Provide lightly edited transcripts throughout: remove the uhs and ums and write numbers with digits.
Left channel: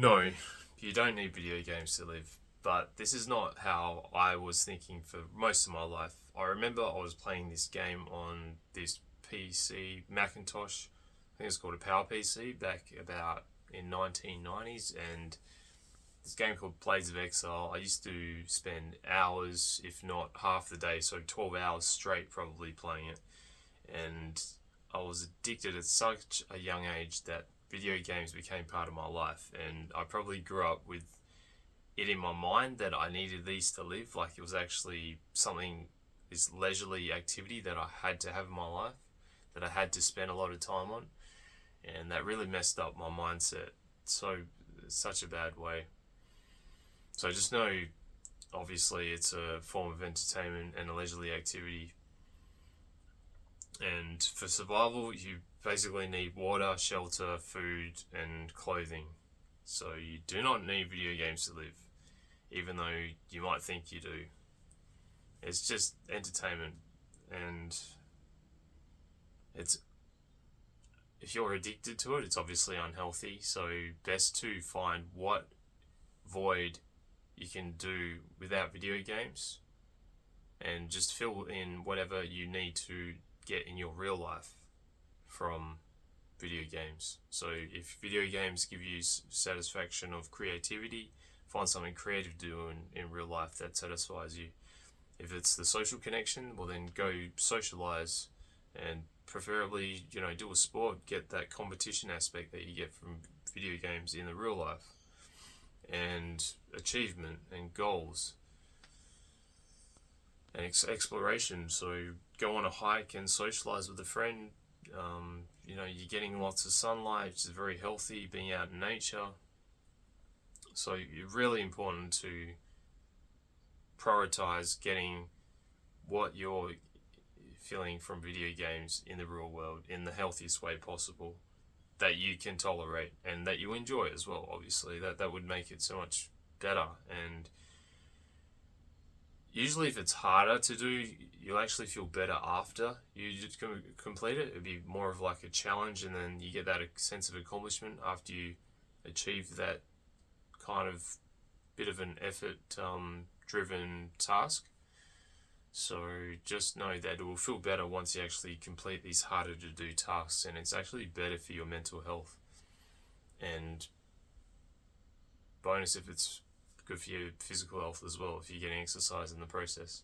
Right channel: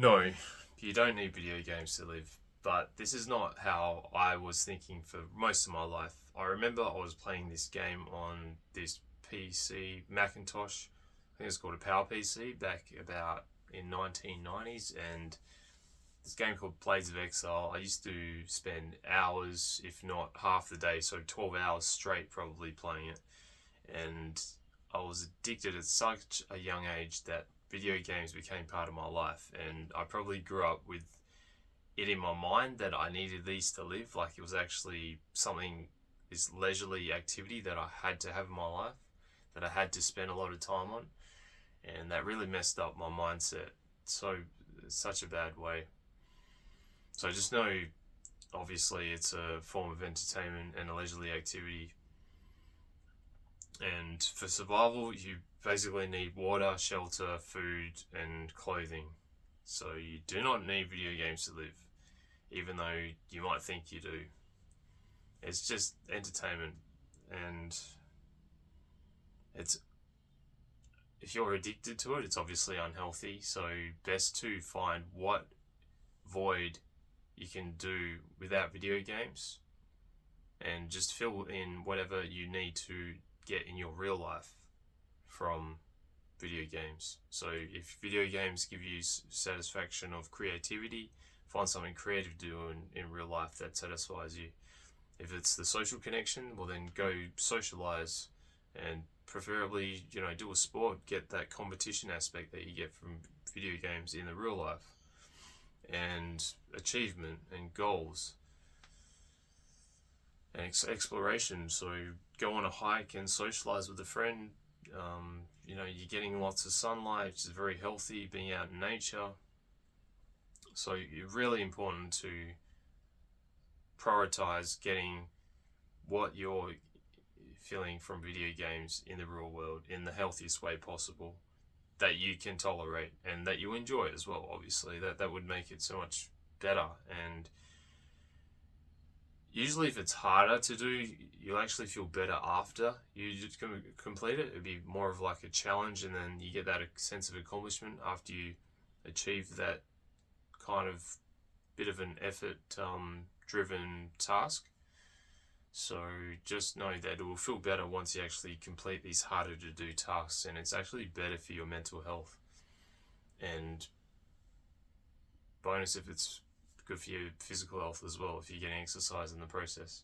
No, you don't need video games to live, but this is not how I was thinking for most of my life. I remember I was playing this game on this PC, Macintosh, I think it was called a Power PC, back about in 1990s, and this game called Blades of Exile. I used to spend hours, if not half the day, so 12 hours straight probably playing it, and I was addicted at such a young age that video games became part of my life, and I probably grew up with it in my mind that I needed these to live. Like it was actually something, this leisurely activity that I had to have in my life, that I had to spend a lot of time on, and that really messed up my mindset so such a bad way. So just know, obviously, it's a form of entertainment and a leisurely activity, and for survival, you basically need water, shelter, food, and clothing. So you do not need video games to live, even though you might think you do. It's just entertainment, and it's if you're addicted to it, it's obviously unhealthy. So best to find what void you can do without video games, and just fill in whatever you need to get in your real life from video games. So if video games give you satisfaction of creativity, find something creative to do in real life that satisfies you. If it's the social connection, well then go socialize, and preferably, do a sport, get that competition aspect that you get from video games in the real life, and achievement and goals and exploration. So go on a hike and socialize with a friend. You're getting lots of sunlight, which is very healthy, being out in nature. So it's really important to prioritize getting what you're feeling from video games in the real world in the healthiest way possible, that you can tolerate and that you enjoy as well. Obviously, that would make it so much better. And usually, if it's harder to do, you'll actually feel better after you just complete it. It'd be more of like a challenge, and then you get that sense of accomplishment after you achieve that kind of bit of an effort driven task. So just know that it will feel better once you actually complete these harder to do tasks, and it's actually better for your mental health. And bonus if it's good for your physical health as well, if you're getting exercise in the process.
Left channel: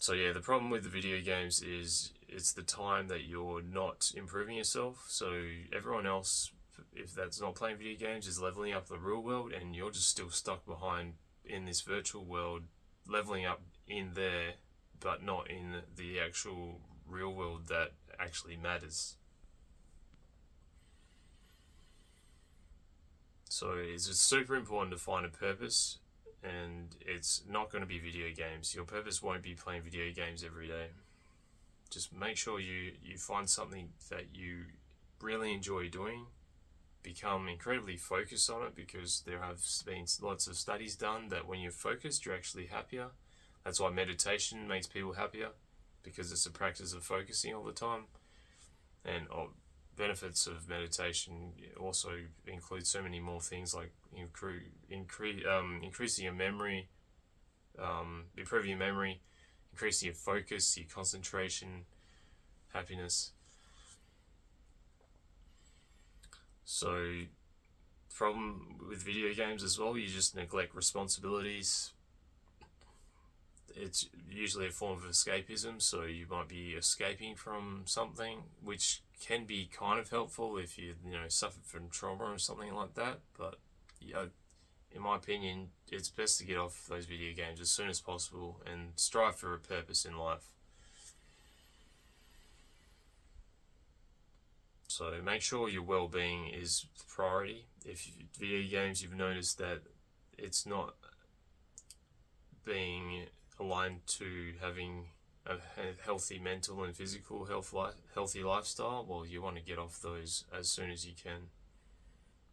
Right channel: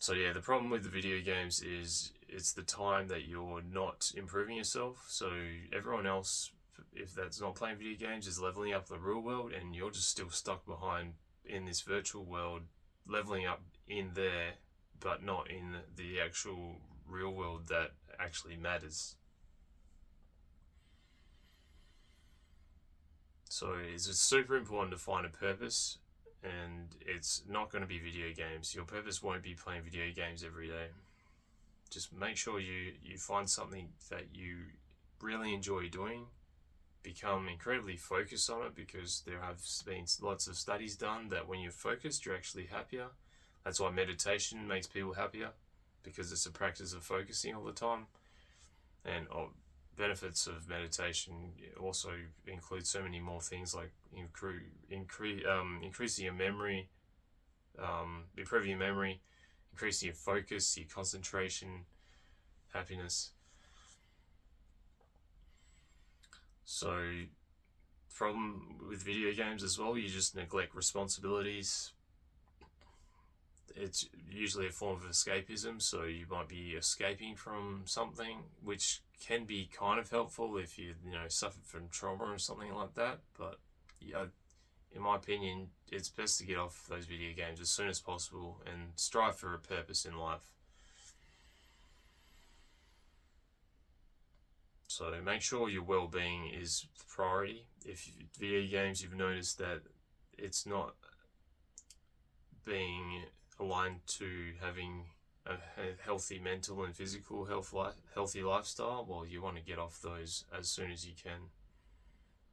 So yeah, the problem with the video games is it's the time that you're not improving yourself. So everyone else, if that's not playing video games, is leveling up the real world, and you're just still stuck behind in this virtual world, leveling up in there, but not in the actual real world that actually matters. So it's just super important to find a purpose, and it's not going to be video games. Your purpose won't be playing video games every day. Just make sure you find something that you really enjoy doing, become incredibly focused on it, because there have been lots of studies done that when you're focused, you're actually happier. That's why meditation makes people happier, because it's a practice of focusing all the time. And benefits of meditation also include so many more things, like increasing your memory, improving your memory, increasing your focus, your concentration, happiness. So, problem with video games as well, you just neglect responsibilities. It's usually a form of escapism, so you might be escaping from something, which can be kind of helpful if you suffered from trauma or something like that. But in my opinion, it's best to get off those video games as soon as possible and strive for a purpose in life. So make sure your well-being is the priority. If video games, you've noticed that it's not being aligned to having a healthy mental and physical healthy lifestyle, well, you want to get off those as soon as you can.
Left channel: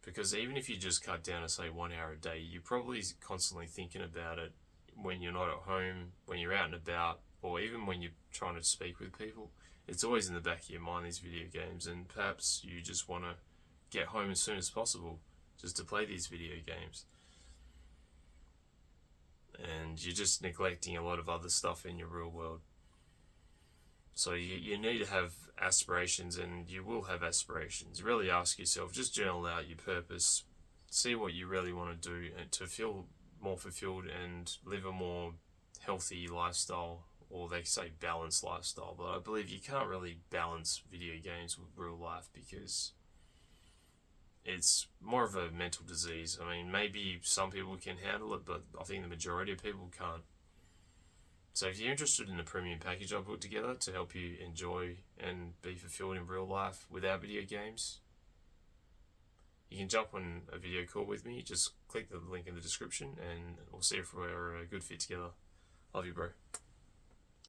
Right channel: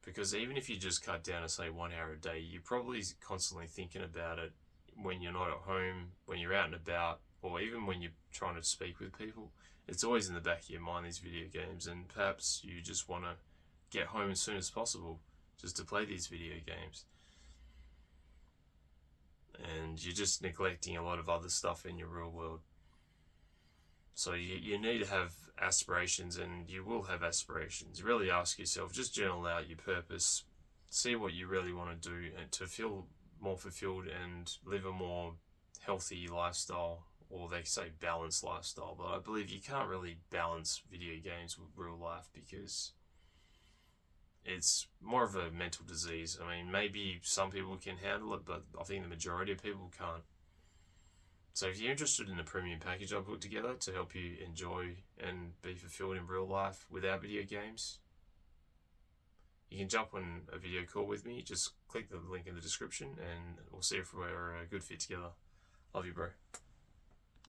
Because even if you just cut down to say 1 hour a day, you're probably constantly thinking about it when you're not at home, when you're out and about, or even when you're trying to speak with people. It's always in the back of your mind, these video games, and perhaps you just want to get home as soon as possible just to play these video games. And you're just neglecting a lot of other stuff in your real world. So you need to have aspirations, and you will have aspirations. Really ask yourself, just journal out your purpose, see what you really want to do and to feel more fulfilled and live a more healthy lifestyle, or they say balanced lifestyle, but I believe you can't really balance video games with real life because it's more of a mental disease. I mean, maybe some people can handle it, but I think the majority of people can't. So if you're interested in the premium package I put together to help you enjoy and be fulfilled in real life without video games, you can jump on a video call with me. Just click the link in the description and we'll see if we're a good fit together. Love you, bro.